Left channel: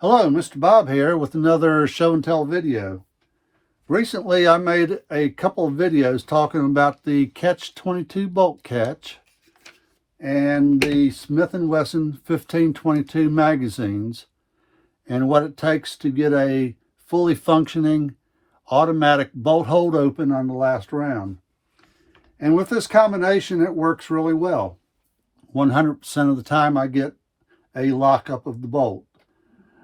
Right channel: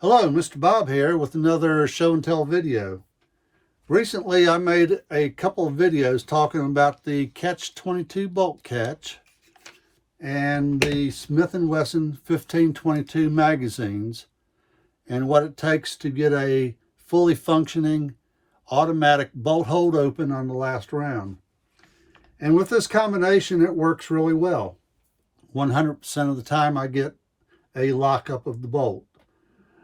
Hello, Mr. Bob here with another show and tell video. Recently I made a couple of videos talking about the Catch 22 bolt catch and the Smith & Wesson 1522 magazines and what it takes to get a fully functioning automatic bolt hold open on the last round. And with this combination it works really well. 100% of the time I get a lockup of the bolt.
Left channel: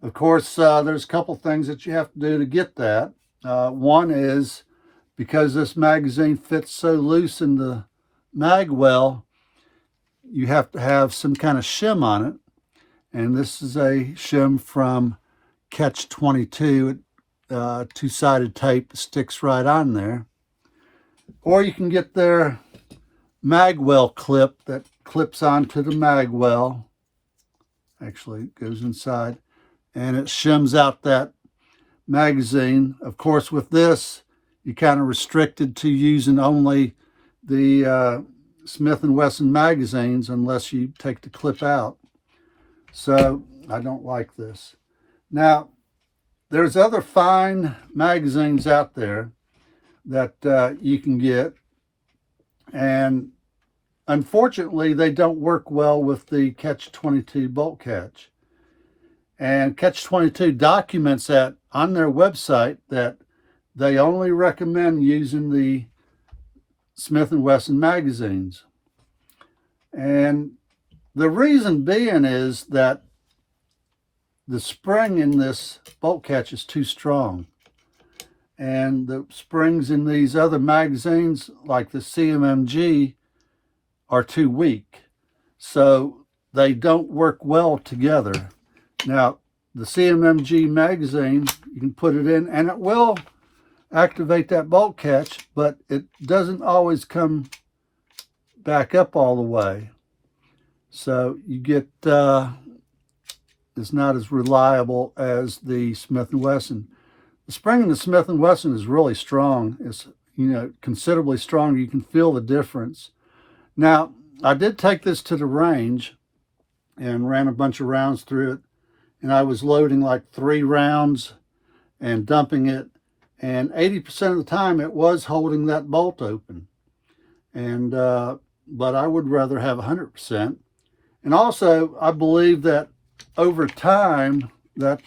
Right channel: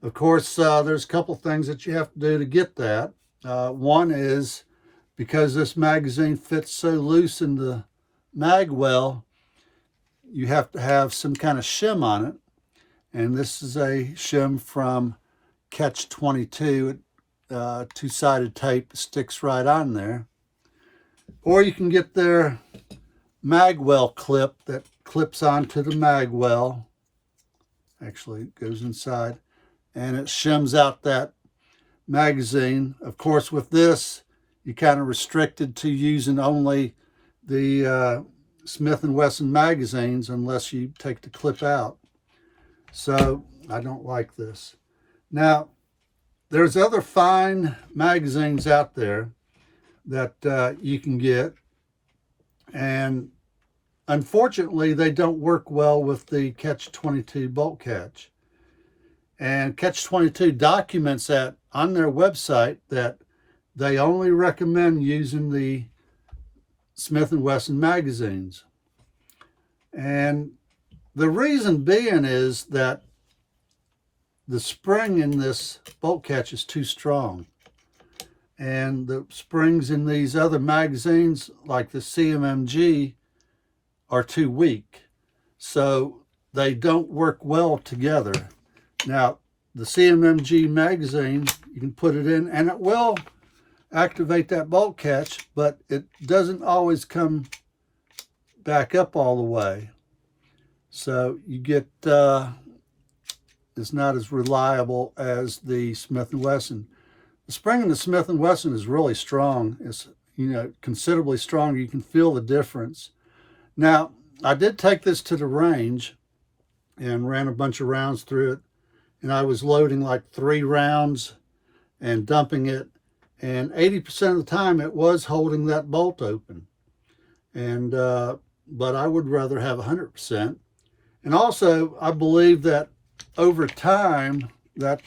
Of course, there's a couple things that you have to do to get that. One is because this magazine fits so loose in the mag well, you have to have some kind of shim on it. And this is a shim from Catch 22, two-sided tape that sticks right on there. Or you can get their mag well clip that clips onto the mag well. Actually, it goes inside. And it shims out that magazine. Of course, with this, you're kind of restricted to using only the Smith & Wesson magazines unless you take the clip out. So I don't like this. Now, there's other fine magazines out there that you can get. And unfortunately, they don't work well with the Catch 22 bolt catch. And Catch 22 documents that on their website that they only recommend using the Smith & Wesson magazines. And the reason being is that the spring in this bolt catch is too strong. And the springs in these other magazines, like the CMMG, are too weak. So they don't work well together. Now, the CMMG magazine, you can put it in and it will activate that bolt catch, but it doesn't always come back up all the way. So you get, it's not as reliable as the Smith & Wesson. The spring in the Smith & Wesson is really strong. It's, considerably stronger. You can feel the difference. Now, I did take this to the range and ran a bunch of rounds through it. And I was loading like 3 rounds and dumping it. And 80% of the time it was holding that bolt open. And, but I would rather have 100%. And also I believe that over time that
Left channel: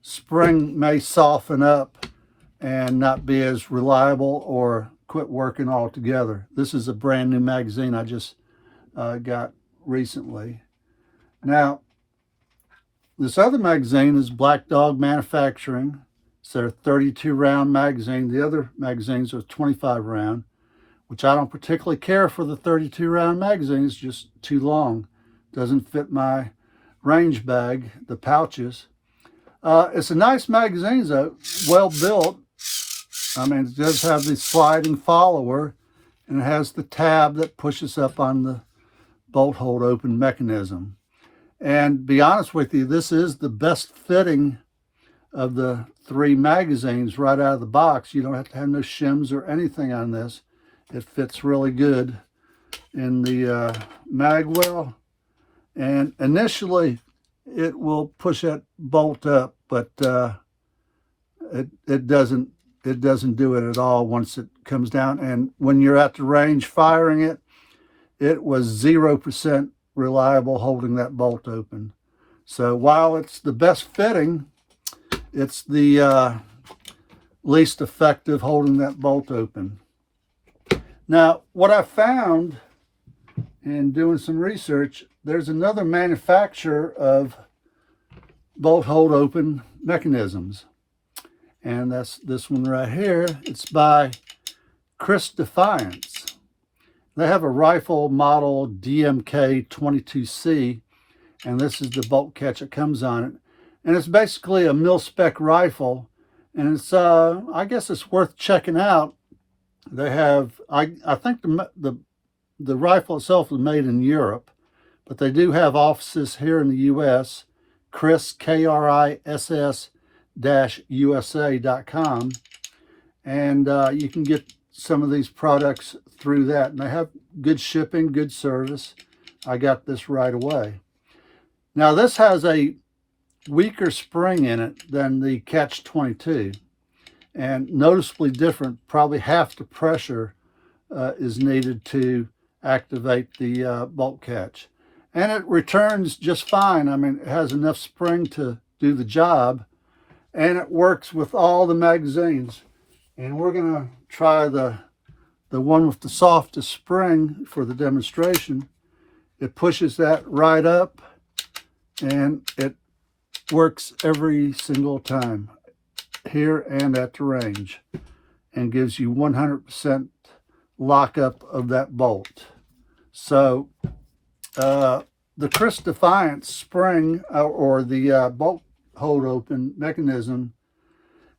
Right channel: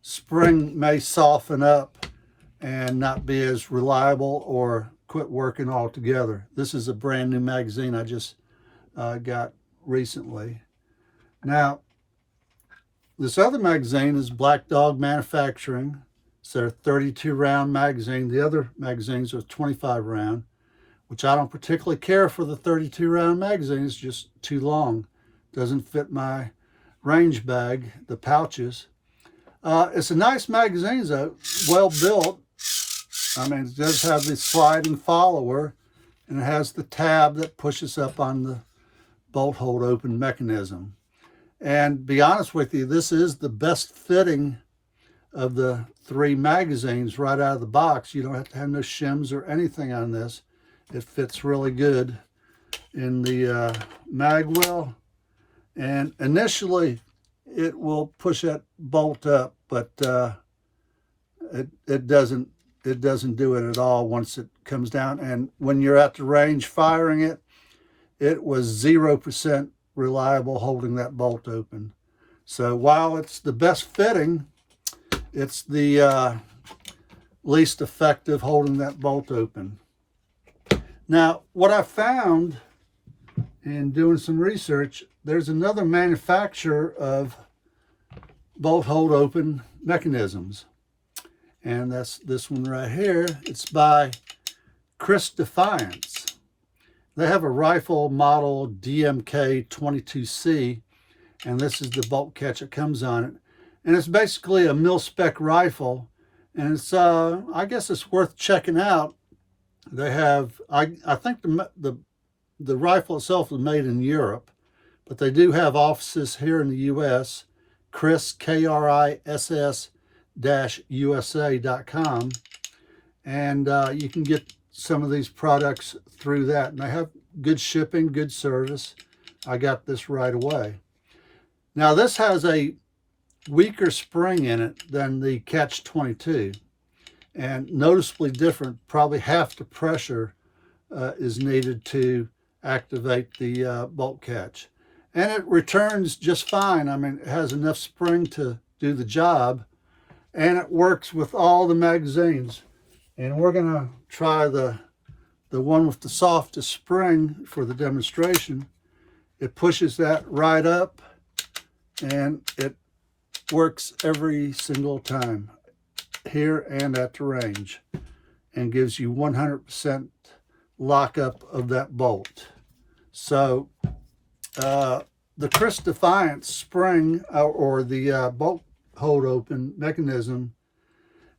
spring may soften up and not be as reliable or quit working altogether. This is a brand new magazine I just got recently. Now, this other magazine is Black Dog Manufacturing. It's their 32 round magazine. The other magazines are 25 round, which I don't particularly care for the 32 round magazine. It's just too long. Doesn't fit my range bag, the pouches. It's a nice magazine though, well built. I mean, it does have the sliding follower and it has the tab that pushes up on the bolt hold open mechanism. And be honest with you, this is the best fitting of the 3 magazines right out of the box. You don't have to have no shims or anything on this. It fits really good in the mag well. And initially, it will push that bolt up, but it doesn't do it at all once it comes down. And when you're at the range firing it, it was 0% reliable holding that bolt open. So while it's the best fitting, it's the least effective holding that bolt open. Now, what I found in doing some research, there's another manufacturer of bolt hold open mechanisms. And that's this one right here. It's by Kriss Defiance. They have a rifle model DMK-22C, and this is the bolt catch that comes on it. And it's basically a mil-spec rifle, and it's I guess it's worth checking out. They have, I think the rifle itself is made in Europe, but they do have offices here in the U.S. Kriss, KRISS-USA.com, and you can get some of these products through that, and they have good shipping, good service. I got this right away. Now this has a weaker spring in it than the Catch 22, and noticeably different. Probably half the pressure is needed to activate the bolt catch, and it returns just fine. I mean, it has enough spring to do the job, and it works with all the magazines. And we're going to try the one with the softest spring for the demonstration. It pushes that right up, and it works every single time, here and at the range, and gives you 100% lockup of that bolt. So the Kriss Defiance spring, or the bolt hold open mechanism,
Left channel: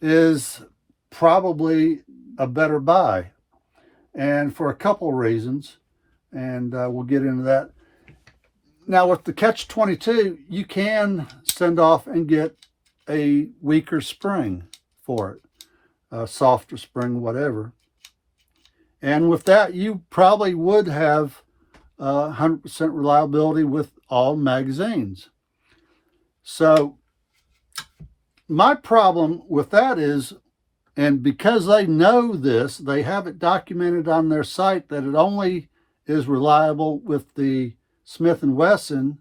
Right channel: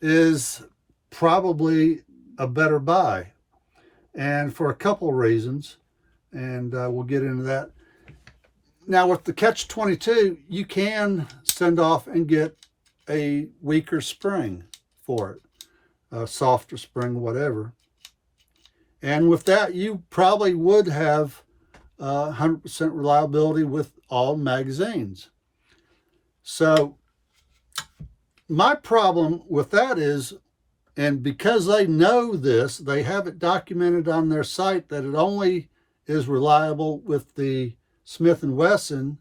is probably a better buy, and for a couple of reasons, and we'll get into that. Now with the Catch 22, you can send off and get a weaker spring for it, a softer spring, whatever. And with that, you probably would have 100% reliability with all magazines. So my problem with that is, and because they know this, they have it documented on their site that it only is reliable with the Smith & Wesson,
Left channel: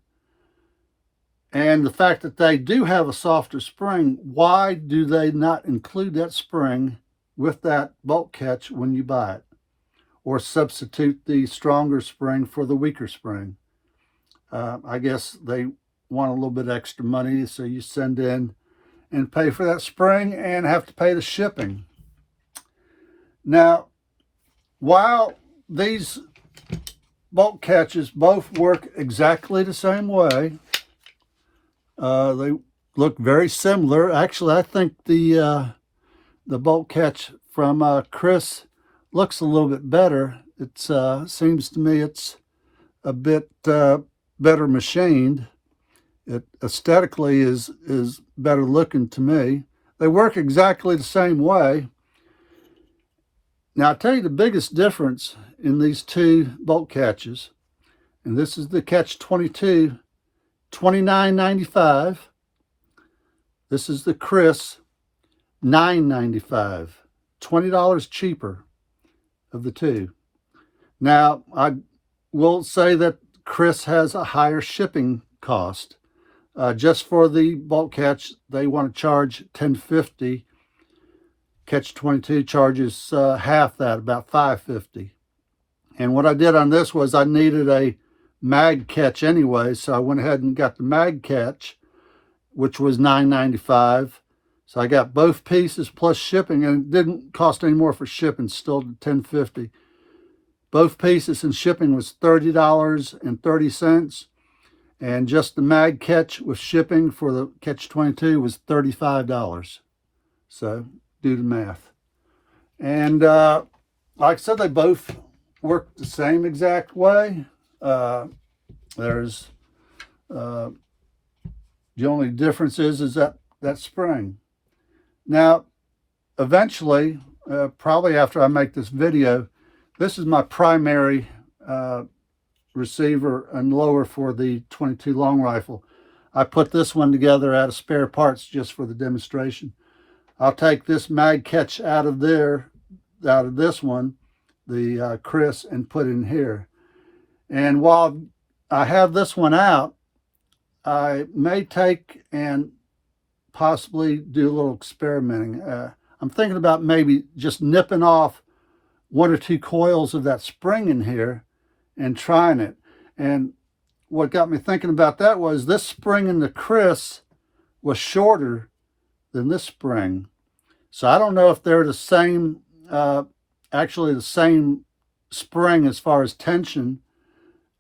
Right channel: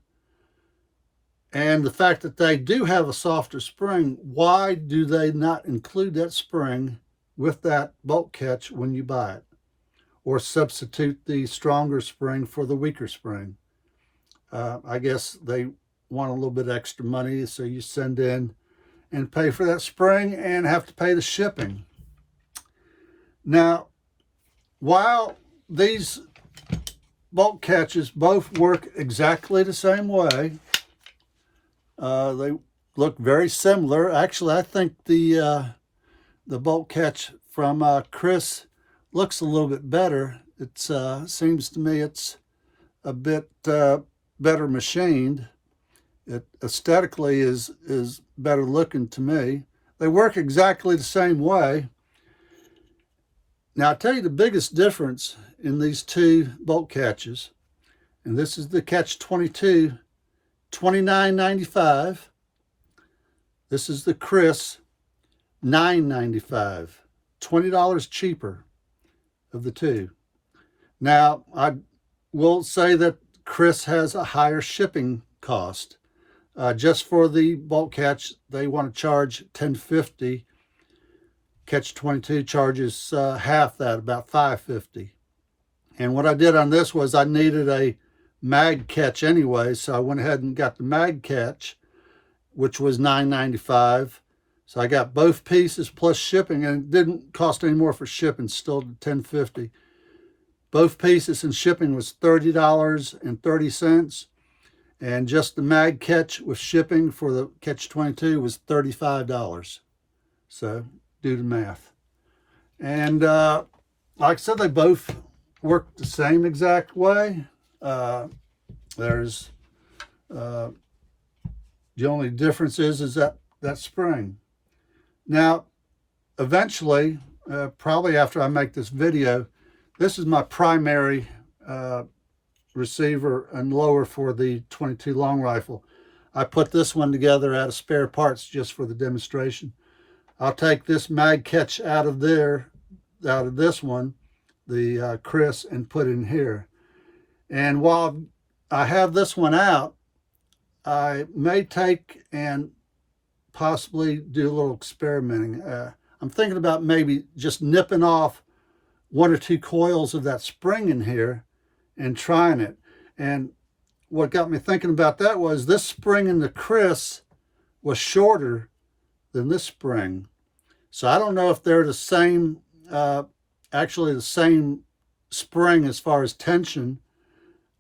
and the fact that they do have a softer spring, why do they not include that spring with that bolt catch when you buy it? Or substitute the stronger spring for the weaker spring? I guess they want a little bit extra money, so you send in and pay for that spring and have to pay the shipping. Now, while these bolt catches both work exactly the same way, they look very similar. Actually, I think the bolt catch from Kriss looks a little bit better. It seems to me it's a bit better machined. It aesthetically is better looking to me. They work exactly the same way. Now, I'll tell you the biggest difference in these two bolt catches, and this is the Catch 22, $29.95. This is the Kriss, $9.95, $20 cheaper of the two. Now, I will say that Kriss has a higher shipping cost. Just for the bolt catch, they want to charge $10.50. Catch 22 charges half that, about $5.50. And what I did on this was I needed a mag catch anyway, so I went ahead and got the mag catch, which was $9.95. So I got both pieces plus shipping, and it didn't cost any more for shipping, still $10.50. Both pieces and shipping was $30.30. And just the mag catch with shipping for the Catch 22 was $35. So do the math. And like I said, they both work the same exact way. There's the only difference is that spring. Now, eventually, probably after I make this video, this is my primary receiver and lower for the 22 long rifle. I put this one together out of spare parts just for the demonstration. I'll take this mag catch out of this one, the Kriss, and put it in here. And while I have this one out, I may take and possibly do a little experimenting. I'm thinking about maybe just nipping off one or two coils of that spring in here and trying it. And what got me thinking about that was this spring in the Kriss was shorter than this spring. So I don't know if they're the same, actually the same spring as far as tension,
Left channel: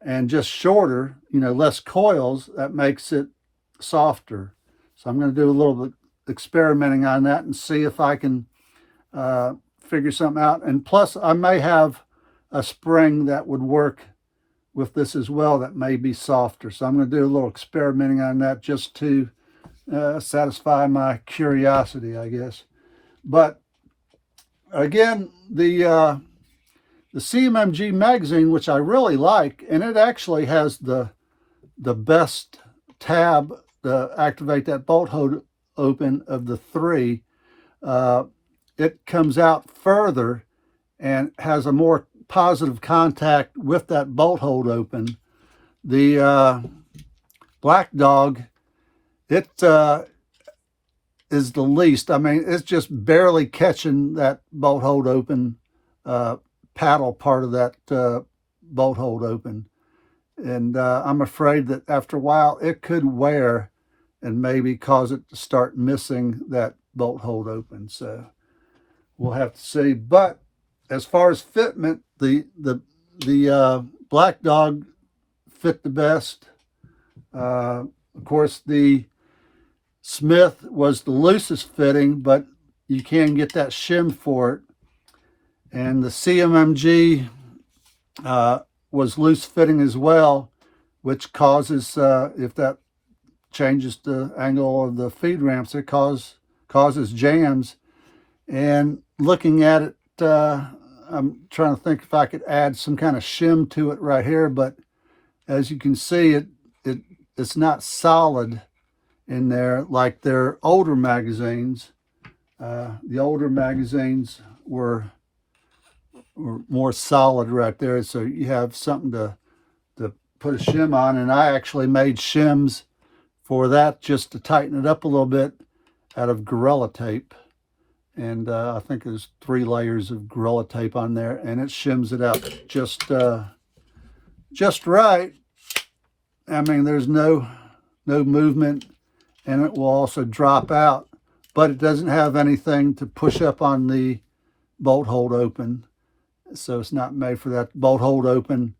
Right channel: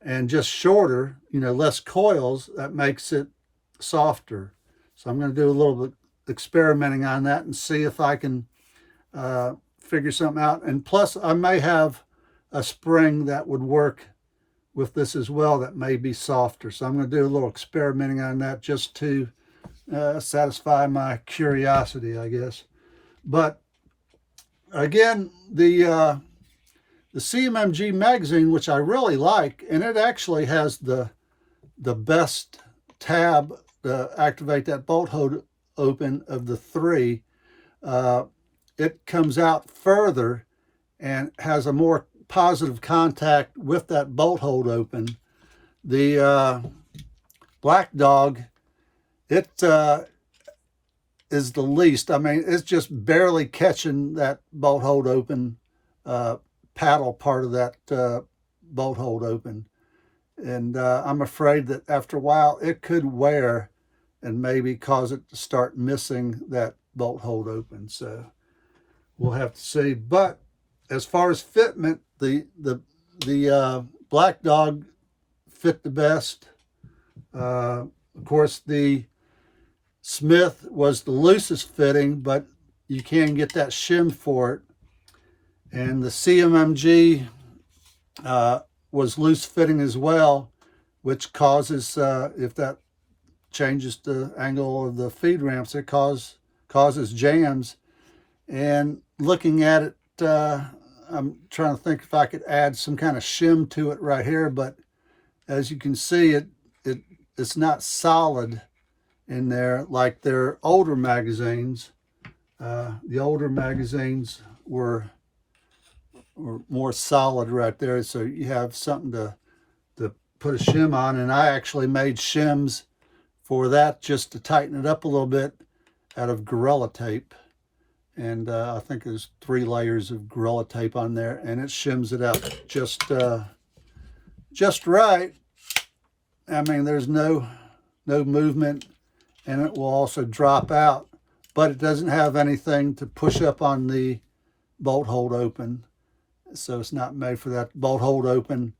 and just shorter, less coils, that makes it softer. So I'm going to do a little bit experimenting on that and see if I can figure something out. And plus, I may have a spring that would work with this as well that may be softer. So I'm going to do a little experimenting on that just to satisfy my curiosity, I guess. But again, the CMMG magazine, which I really like, and it actually has the best tab activate that bolt hold open of the 3, it comes out further and has a more positive contact with that bolt hold open. The Black Dog, it is the least. I mean, it's just barely catching that bolt hold open paddle part of that bolt hold open. And I'm afraid that after a while it could wear and maybe cause it to start missing that bolt hold open. So we'll have to see. But as far as fitment, the Black Dog fit the best. Of course, the Smith was the loosest fitting, but you can get that shim for it. And the CMMG was loose fitting as well, which causes, if that changes the angle of the feed ramps, it causes jams. And looking at it, I'm trying to think if I could add some kind of shim to it right here, but as you can see, it's not solid in there like their older magazines. The older magazines were more solid right there, so you have something to put a shim on. And I actually made shims for that just to tighten it up a little bit out of Gorilla Tape. And I think there's 3 layers of Gorilla Tape on there, and it shims it out just right. I mean, there's no movement, and it will also drop out, but it doesn't have anything to push up on the bolt hold open. So it's not made for that. Bolt hold open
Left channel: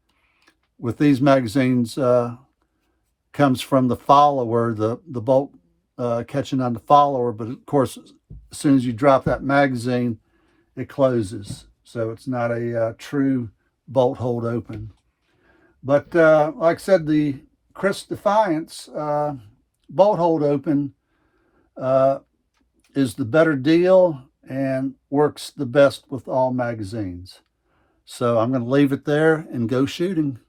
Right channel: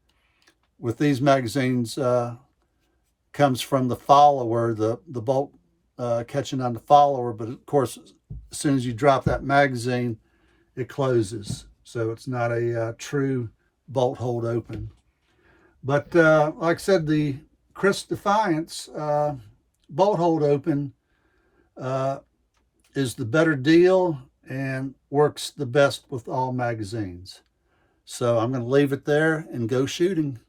with these magazines comes from the follower, the bolt catching on the follower, but of course, as soon as you drop that magazine, it closes. So it's not a true bolt hold open. But like I said, the Kriss Defiance bolt hold open is the better deal and works the best with all magazines. So I'm going to leave it there and go shooting.